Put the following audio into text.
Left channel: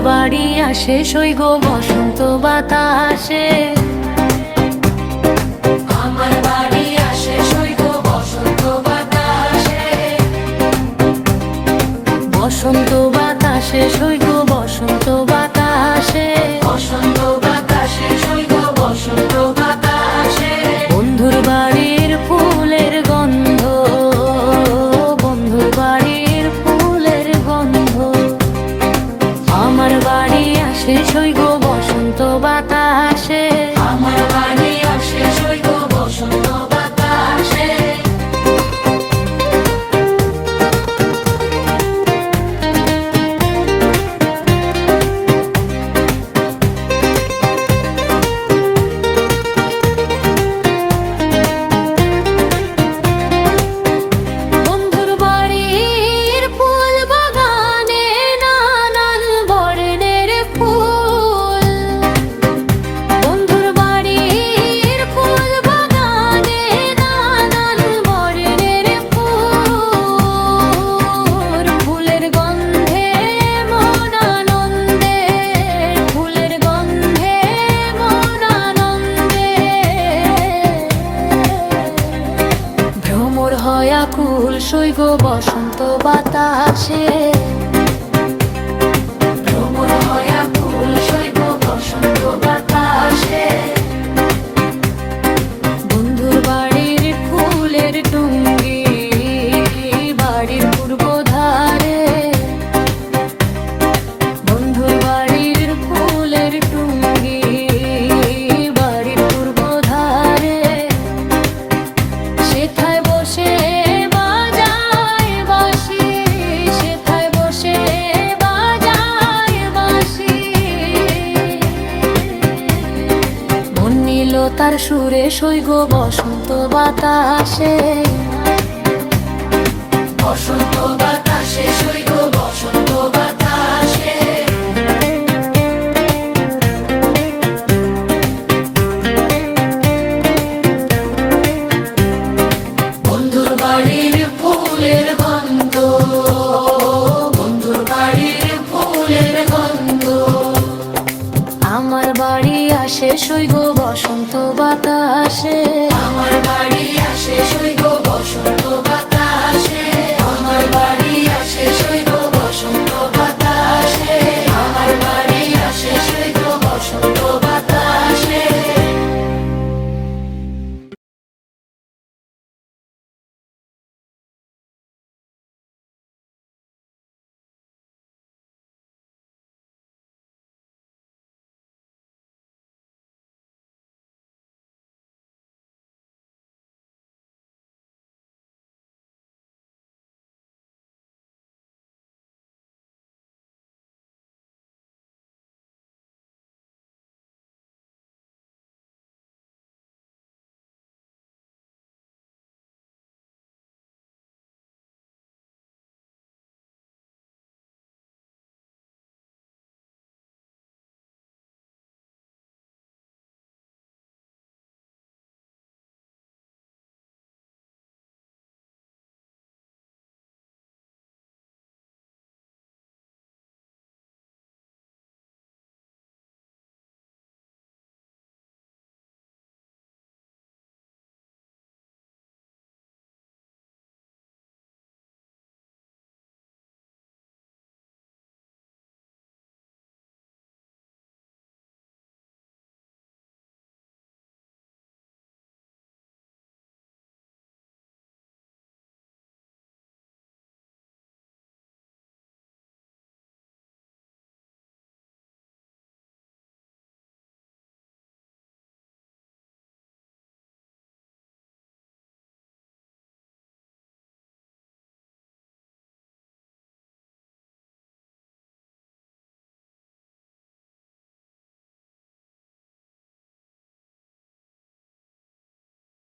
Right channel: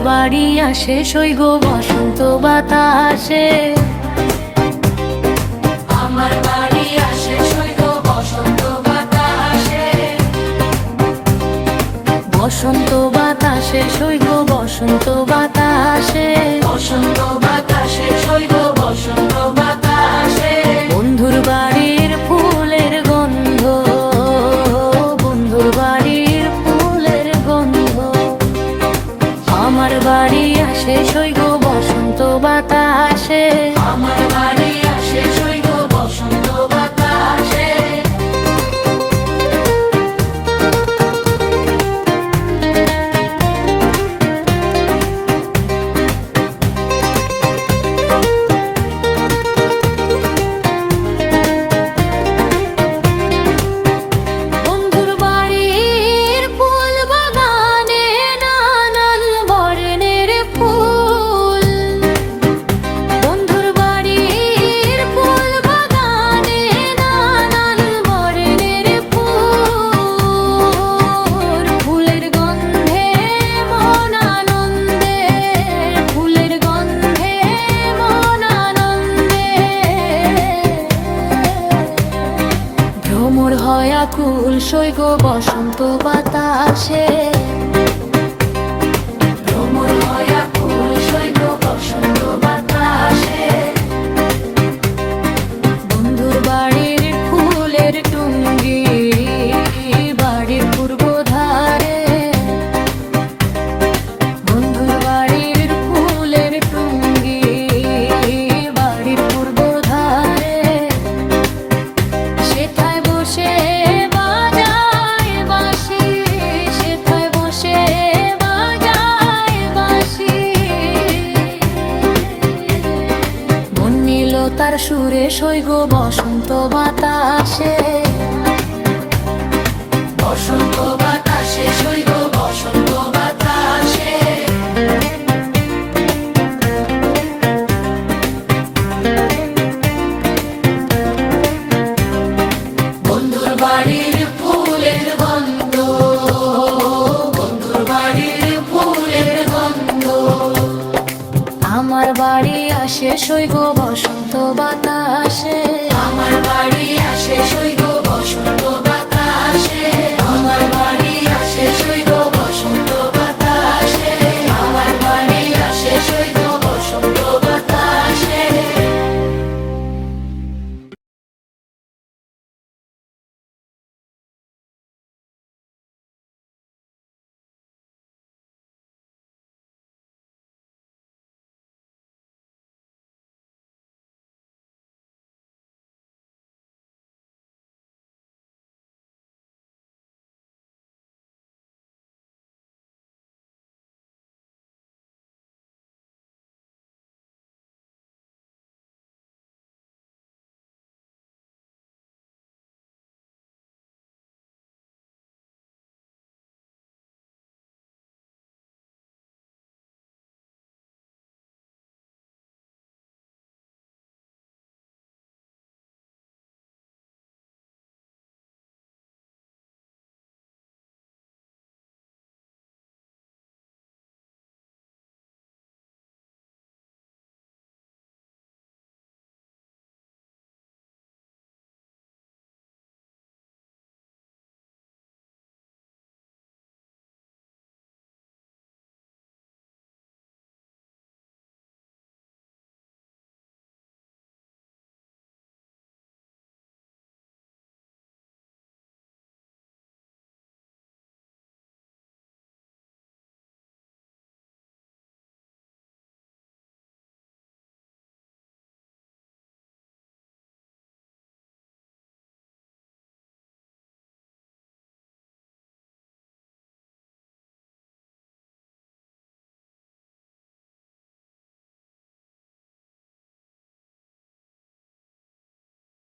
বাড়ি আসে সৈগ বসন্ত বাতাসে। আসে বসন্ত বাতাসে। বসন্ত বাতাসে বসন্ত বাতাসে। বসন্ত বাতাসে বসন্ত বাতাসে। বন্ধুর বাড়ির ফুলের গন্ধ বাড়ি আসে সৈগ বসন্ত বাতাসে। আমার বাড়ি আসে সৈগ আকুল সৈগ বসন্ত বাতাসে। তার সুরে সৈগ বসন্ত বাতাসে। আমার বাড়ি আসে সৈগ বসন্ত বাতাসে। আমার বাড়ি আসে সৈগ বসন্ত বাতাসে। আমার বাড়ি